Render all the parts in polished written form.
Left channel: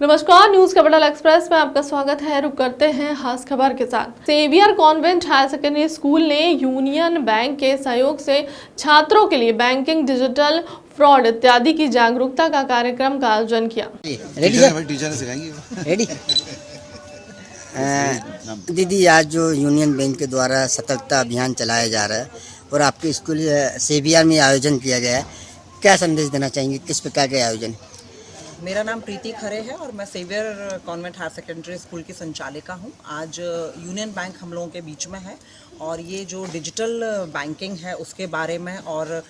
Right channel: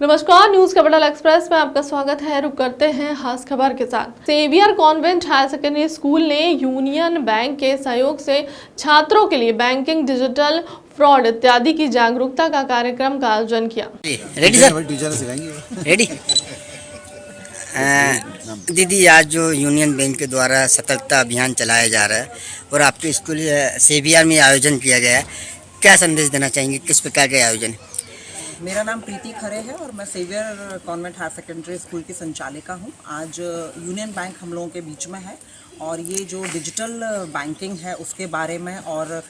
नमस्कार, news capital express में आपका स्वागत है। रुक करते हैं खास खबर के साथ। Xavier Convent Higher Secondary School ने यूनियन बैंक के सहयोग से छात्रों के लिए बैंकिंग, डिजिटल फ्रॉड इत्यादि की जागरूकता का कार्यक्रम का आयोजन किया। Ready sir? टीचर सिखाएंगे। रेडी। दीदी, आज जो यूनियन बैंक के द्वारा सतर्कता अभियान चलाया जा रहा है और आपके स्कूल सेवियर में आयोजन किया गया है, क्या संदेश देना चाहेंगे? किस प्रकार के आयोजन है? मेरा नाम प्रीति खरे है और मैं Xavier Convent Higher Secondary School की संचालिका हूँ। आज यूनियन बैंक हम लोगों के बीच में है और ये जो डिजिटल बैंकिंग है उसके बारे में और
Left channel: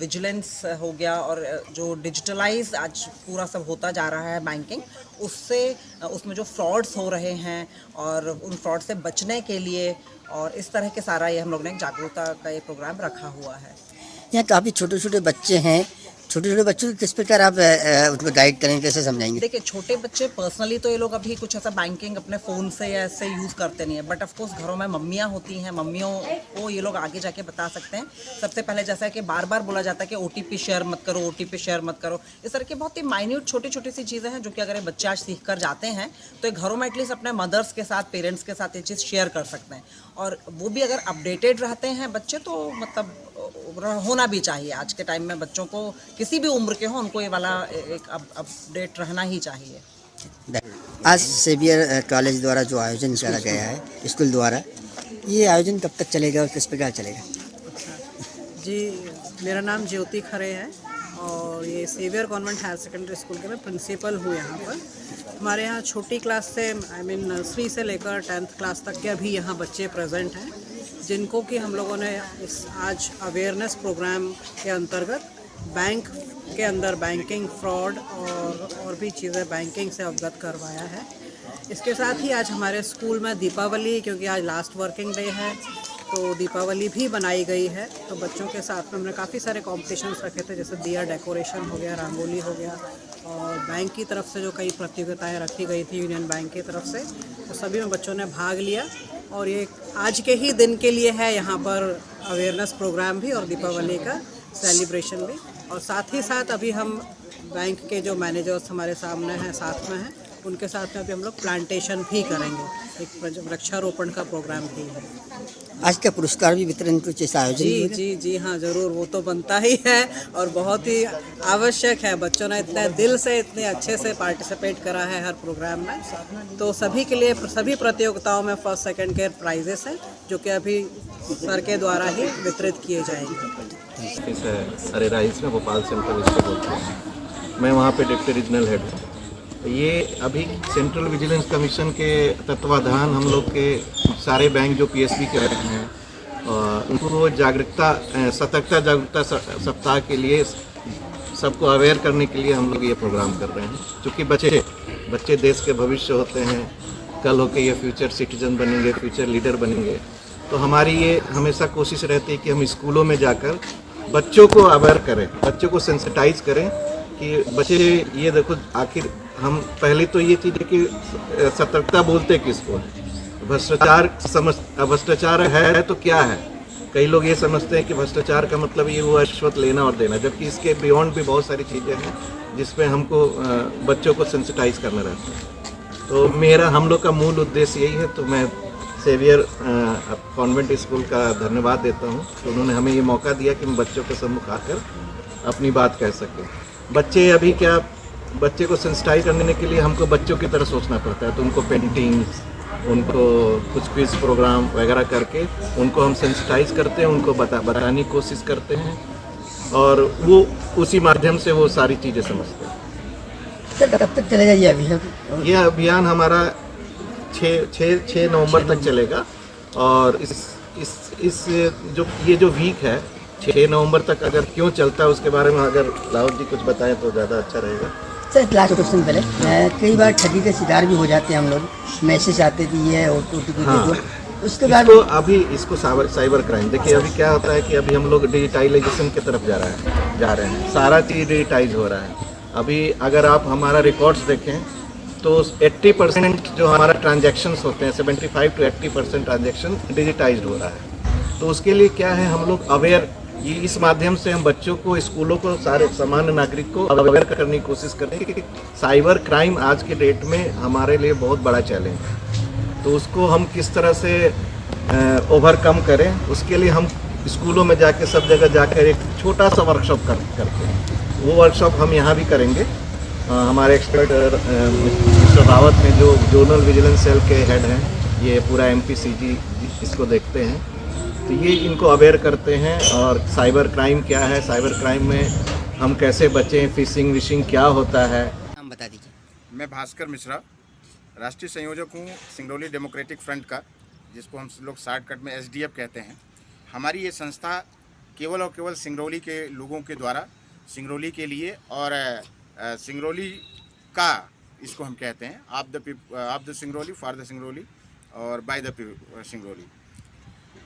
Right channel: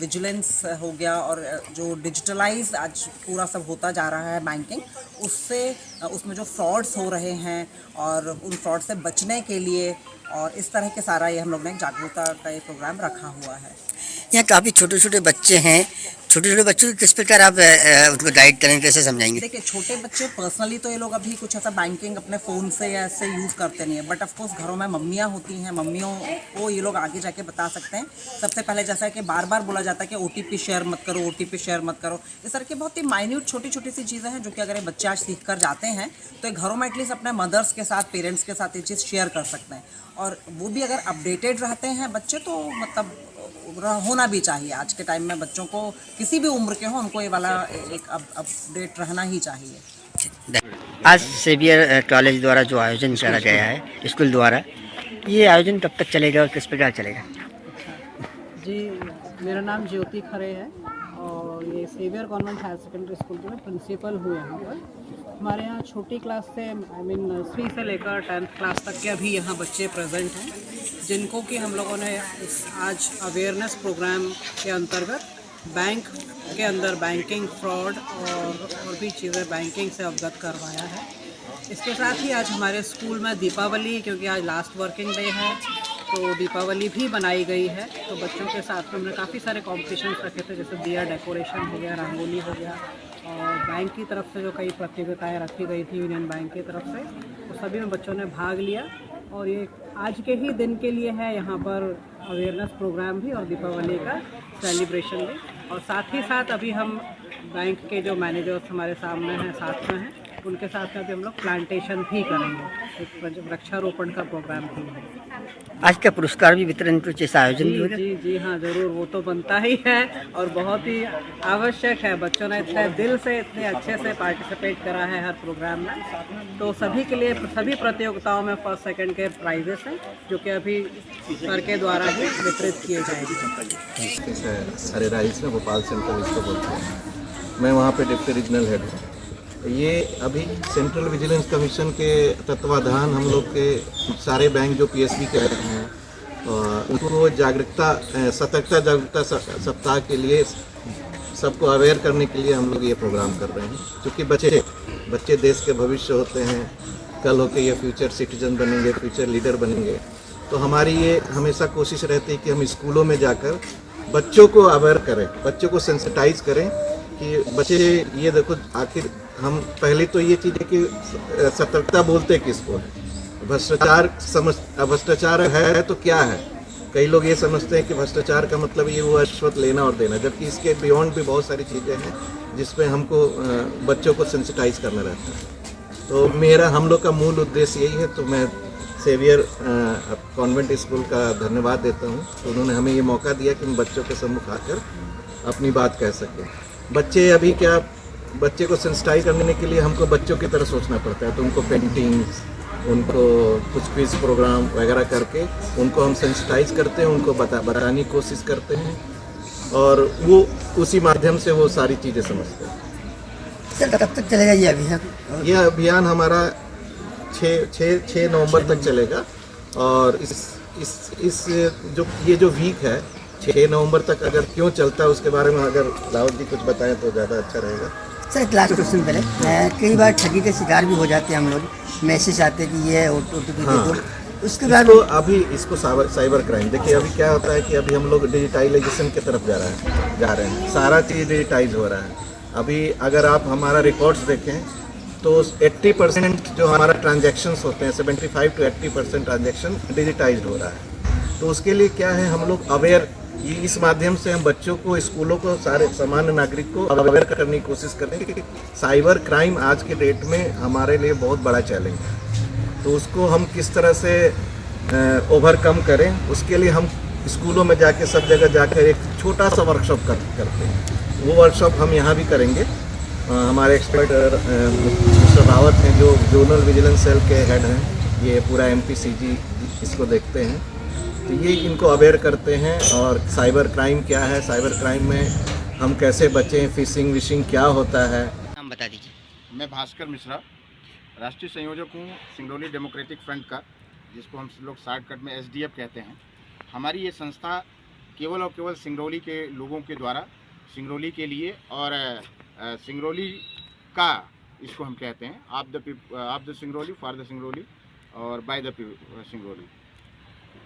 विजिलेंस हो गया और जो डिजिटलाइज आज पूरा सब होता जा रहा है बैंकिंग, उससे उसमें जो फ्रॉड्स हो रहे हैं और उन फ्रॉड से बचने के लिए और इस तरह के सारा ये हम लोग ने एक जागरूकता का एक प्रोग्राम रखा हुआ है। यहाँ काफ़ी छोटे छोटे बच्चे हैं, छोटे छोटे बच्चों को किस प्रकार आप उनको गाइड करेंगे, कैसे समझाएंगे? देखिए, छोटे बच्चे पर्सनली तो ये लोग अभी कुछ ऐसा बैंकिंग अपने फ़ोन से या ऐसे यूज़ करते नहीं है, बट ऑफ कोर्स घरों में मम्मियाँ होती हैं, मम्मियों को ये लोग आगे जाके बता सकते हैं। सबसे पहले जैसा है कि बार बार बोला जाता है कि OTP शेयर मत करो, OTP शेयर मत करो। इस तरह की बहुत ही माइन्यूट छोटी छोटी सी चीज़ें हैं जो कि अगर ये बच्चे आज सीख कर जाते हैं तो ये घरों में एटलीस्ट अपने मदर्स के साथ, पेरेंट्स के साथ ये चीज़ शेयर कर सकते हैं। और वो भी अगर अपडेटेड रहते हैं बच्चे तो मतलब होना भी चाहिए। आज के टाइम में बच्चों को किसी भी उम्र के हो उनको ये वाला एक अपडेट रहना ही चाहिए। आज सेवियर कॉलेज द्वारा जो आयोजन करा गया है स्कूल द्वारा, ये आयोजन कब तक चलेगा और किस प्रकार चलेगा? जी, मेरा नाम ज्योति खरे है और ये Xavier Convent Higher Secondary School के मैं प्रिंसिपल हूँ यहाँ पर। हमारे यहाँ छोटी क्लास से नर्सरी से लेकर 10th क्लास तक के अभी यहाँ बच्चे प्रेजेंट हैं, जिनको कि हम लोगों ने इस आज अवेयरनेस प्रोग्राम के अंतर्गत बैंक के अंदर बैंकिंग फ्रॉड और भी चीज़ें बैंकिंग से अवगत करवाया है। इसके साथ ही आज हमारे स्कूल में दीपावली, क्योंकि आज लास्ट वर्किंग डे है तो दीपावली भी बनाई गई है, तो बच्चों के साथ में हमने काफ़ी सारे कॉम्पिटिशन्स रखे थे, जैसे दिया डेकोरेशन हो गया, रंगोली हो गया और बैंक की तरफ से जो कई प्रतियोगिताएं रखी गई थी यूनियन बैंक की तरफ से, तो सभी में बच्चों ने भाग लिया। और ये आज के ही दिन के लिए है यहाँ पर अवेयरनेस प्रोग्राम भी और दीपावली का सेलिब्रेशन भी। और साथ ही साथ अभी हम बैंक के जो मैनेजर्स हमारे सामने हैं, साथ में हैं, उनके साथ में भी हम लोग प्लांटेशन भी करेंगे, एक वृक्षारोपण का प्रोग्राम भी है। आज का पुरस्कार भी वितरण कुछ ऐसा आयोजन भी होगा? जी हाँ, ज़रूर, वो तो बनता ही है और बहुत ही आवश्यक है। बच्चों ने इतने दिल से, इतने अच्छे से पार्टिसिपेट करा है हर प्रोग्राम में, तो सभी के लिए सभी प्रतियोगिताओं में फर्स्ट सेकंड के प्राइजेस हैं जो कि अभी सर के द्वारा ही वितरित किए जाएंगे। अरे राइस में भोपाल सेंटर इसको बोलते हैं। मैं वहाँ पे डिप्टी रीजनल हेड हूँ। ये अभी सेंट्रल विजिलेंस कमीशन के तत्वाधान हम लोग के सारे बैंक जो PSB के रहते हैं उनको सतर्कता जागरूकता सप्ताह के लिए सबको अवेयर करने के लिए हम लोग ये प्रोग्राम कर रहे हैं। क्योंकि बच्चे देश के भविष्य होते हैं, कल होके ये फ्यूचर सिटीजन बनेंगे, फ्यूचर लीडर बनेंगे। तो हमारी ये हमेशा कोशिश रहती है कि हम स्कूलों में जाकर बच्चों को अवेयर करें, बच्चों को सेंसिटाइज करें कि बच्चे ये देखो, आखिर हम पहले तो ये चीज़ है कि सतर्कता बोलते किसको है। भ्रष्टाचार है तो क्या है? कई लोग ये समझते हैं कि भ्रष्टाचार का मतलब ये वो रिश्वत लेना और देना, जबकि इसके बियॉन्ड भी बहुत सारी चीज़ें हैं जिसमें हमको बच्चों को सेंसिटाइज करना रहता है। तो हम लोग का मूल उद्देश्य यही है। तो मैं सेवियर कॉन्वेंट स्कूल का धन्यवाद देता हूँ तो उन्होंने हमें ये मौका दिया कि हम बच्चों के सम्मुख आकर अपनी बात कह सकें। बच्चे को सेंसिटाइज करने के लिए हमको बच्चों की तरह सोचना पड़ता है, तो उनको पेंटिंग्स, उनको कुछ क्विज प्रोग्राम वगैरह करके उनको हम सेंसिटाइज करते हैं, उनको बताने की कोशिश करते हैं और वो उसी माध्यम से वो सारी चीज़ें समझते हैं। सर, कब तक चलेगा ये अभियान? यह अभियान हमारा 6 नवंबर तक चलेगा और इस जो वीक है 6 नवंबर तक अगर क्यों चलता है उसके बारे में अगर लाहौर जी कुछ बताएं तो ज़्यादा अच्छा रहेगा। सर, लास्ट क्वेश्चन पहले, कई बार ठगी का शिकार भी हो जाते हैं हम लोग, मैसेज आते कि ये OTP हाँ, उसके बाद इसको साइबर क्राइम। देखिए, अभी क्या होता है कि अभी हम लोग डिजिटाइजेशन की तरफ जा रहे हैं, सारा चीज़ डिजिटाइज हो रहा है। अभी अगर आप हमारा रिकॉर्ड्स देखें तो 80% जो हमारा ट्रांजैक्शंस होते हैं, 75 to 80% ट्रांजैक्शन डिजिटाइज्ड हो रहा है। तो उसके लिए क्या है, हम लोग अवेयर ये इस माध्यम से हम बच्चों को, स्कूलों को, सारे सामान्य नागरिक को अवेयर करने की कोशिश करते हैं कि साइबर क्राइम आज के डेट में हमारे लिए बहुत बड़ा चैलेंज है। तो उसको हम किस तरह से ओवरकम करें, उसके लिए हम स्कूलों में जाके, सब जगह जाकर एक छोटा सा वर्कशॉप करते हैं। वो वर्कशॉप हम यहाँ भी करेंगे। हमारे एक्सपर्ट मिस्टर रावत हैं, जो जोनल विजिलेंस सेल के हेड हैं, ये पूरा MPCG इसको देखते हैं, तो ये इनको अवेयर करते हैं। और साइबर क्राइम क्या है, साइबर क्राइम में हम कैसे बचें, फिशिंग विशिंग क्या होता है। नाम बता दीजिए। मैं भास्कर मिश्रा, राष्ट्रीय संयोजक हूँ सिंगरौली डेमोक्रेटिक फ्रंट का, जिसको हम लोग शॉर्टकट में SDF कहते हैं। हमारी ये संस्था केवल और केवल सिंगरौली के लोगों के द्वारा, सिंगरौली के लिए और सिंगरौली का, इसको हम कहते हैं, of the Singrauli, for the Singrauli और बाय द सिंगरौली।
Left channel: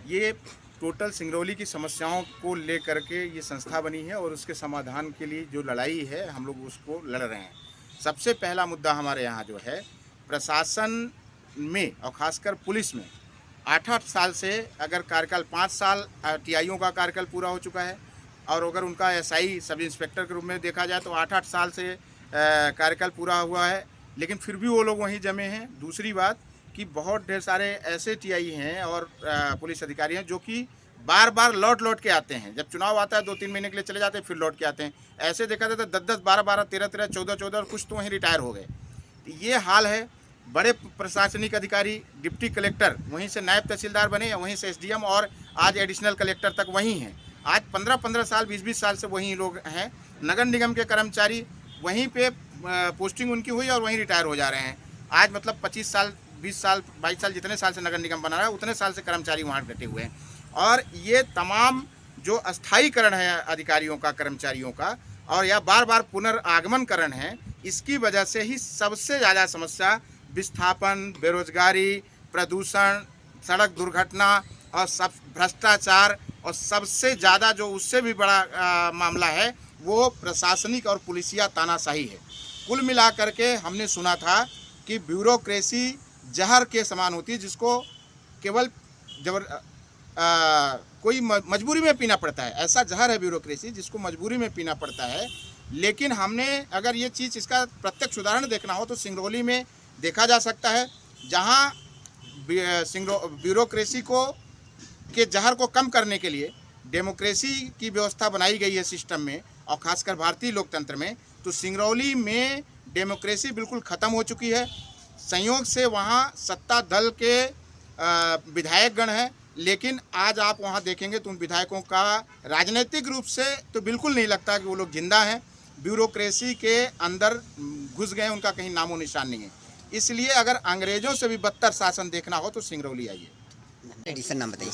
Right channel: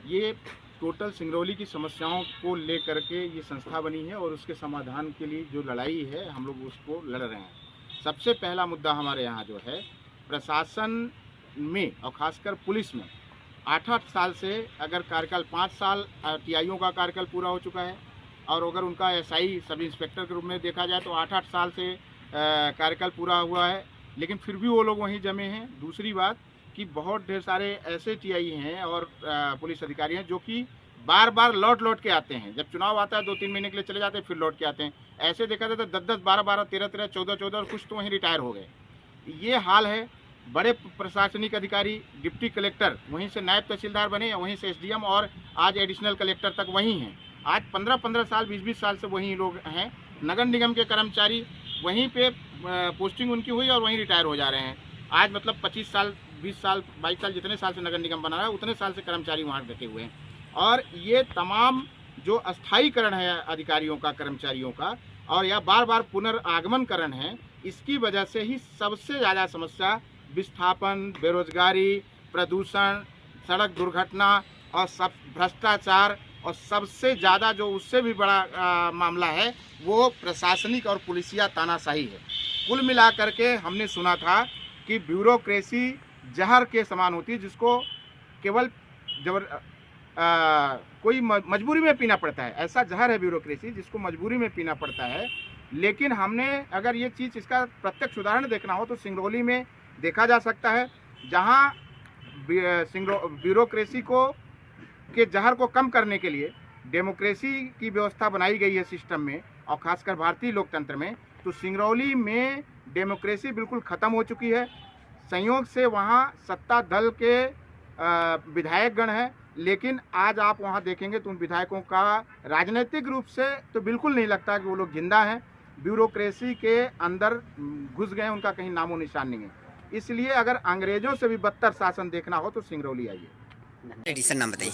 ये टोटल सिंगरौली की समस्याओं को लेकर के ये संस्था बनी है और उसके समाधान के लिए जो लड़ाई है हम लोग उसको लड़ रहे हैं। सबसे पहला मुद्दा हमारे यहाँ जो है, प्रशासन में और ख़ासकर पुलिस में 8-8 साल से अगर कार्यकाल, 5 साल TIओ का कार्यकाल पूरा हो चुका है और अगर उनका SI सब इंस्पेक्टर के रूप में देखा जाए तो 8-8 साल से कार्यकाल पूरा हुआ है, लेकिन फिर भी वो लोग वहीं जमे हैं। दूसरी बात कि बहुत ढेर सारे ऐसे TI हैं और पुलिस अधिकारी हैं जो कि बार बार लौट के आते हैं। जब चुनाव आता है 2-3 महीने के लिए चले जाते हैं, फिर लौट के आते हैं। ऐसे देखा जाता है 10-10, 12-12, 13-13, 14-14 और कुछ तो वहीं रिटायर हो गए। ये हाल है। बड़े प्रशासनिक अधिकारी, डिप्टी कलेक्टर वहीं से नायब तहसीलदार बने, या वहीं से SDM और आज एडिशनल कलेक्टर तक वहीं हैं। आज 15-15 साल, 20-20 साल से वहीं लोग हैं। नगर निगम के कर्मचारी वहीं पे पोस्टिंग उनकी हुई और वहीं रिटायर हो जा रहे हैं। आज मतलब 25 साल, 20 साल, 22 साल, जितने साल से नगर निगम बना रहा है उतने साल से कर्मचारी वहाँ डटे हुए हैं। और ये तमाम जो अस्थायीकरण है अधिकारियों का, कर्मचारियों का, और या बार बार पुनर्आगमनकरण है, इसकी वजह से ही सबसे ज़्यादा समस्या विस्थापन, बेरोजगारी, प्रदूषण, सड़क दुर्घटना और सब भ्रष्टाचार, और सबसे ज़्यादा जो उससे भी बड़ा मामला है वो प्रशासनिक और पुलिसिया तानाशाही है। कुल मिलाकर के हमने सुना था कि ब्यूरोक्रेसी जहर के समान होती है, जिसको केवल कोई मजबूरी में पीना पड़ता है। ऐसा जहर है ब्यूरोक्रेसी जिसको मजबूरी में पीना पड़ता है। लेकिन हमने अगर ये चीज़, इसका प्रत्यक्ष उदाहरण देखना हो तो सिंगरौली में देखा जा सकता है, जहाँ ब्यूरोक्रेसी के जहर को कम करने के लिए डेमोक्रेसी की व्यवस्था बनाई गई है सिस्टम में, और ख़ासकर भारतीय लोकतंत्र में। तो सिंगरौली में डेमोक्रेसी बिल्कुल ख़त्म हो चुकी है। संयोग से वहाँ सत्ता दल के विधायकगण हैं, लेकिन आज आप वहाँ देखेंगे तो उन विधायकों का राजनीतिक रूप से तो बिल्कुल नहीं लगता कि वो लोग जिंदा हैं। ब्यूरोक्रेसी के अंदर घुस गए, उनका कहीं नामो निशान नहीं है। इसलिए अगर अंग्रेज़ों से भी बदतर शासन देखना हो तो सिंगरौली आइए। एडिशन नाम बताइए।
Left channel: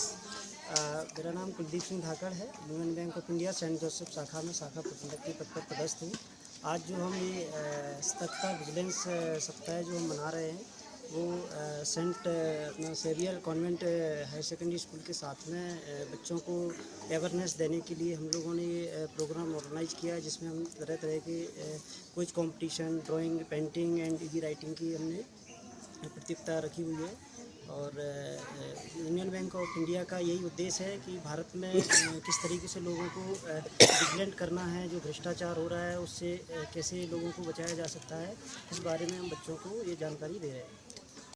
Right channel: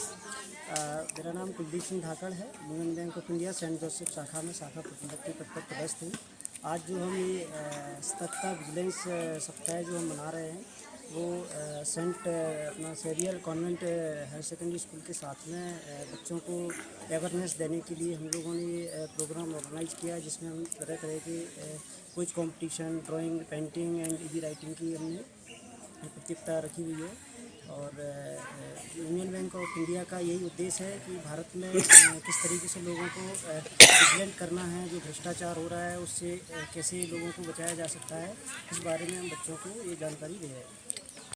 मेरा नाम कुलदीप सिंह धाकड़ है। Union Bank of India Saint Joseph शाखा में शाखा प्रबंधक के पद पर पदस्थ हूँ। आज जो हम ये सतर्कता विजिलेंस सप्ताह जो हम मना रहे हैं, वो सेंट अपना Xavier Convent Higher Secondary School के साथ में बच्चों को अवेयरनेस देने के लिए हम लोगों ने ये प्रोग्राम ऑर्गेनाइज किया, जिसमें हम तरह तरह के कुछ competition, drawing, painting and easy writing की हमने प्रतियोगिता रखी हुई है। और यूनियन बैंक ऑफ इंडिया का यही उद्देश्य है कि भारत में किस तरीके से लोगों को विजिलेंट करना है, जो भ्रष्टाचार हो रहा है उससे कैसे लोगों को बचाया जा सकता है, इस बारे में हम बच्चों को ये जानकारी दे रहे हैं।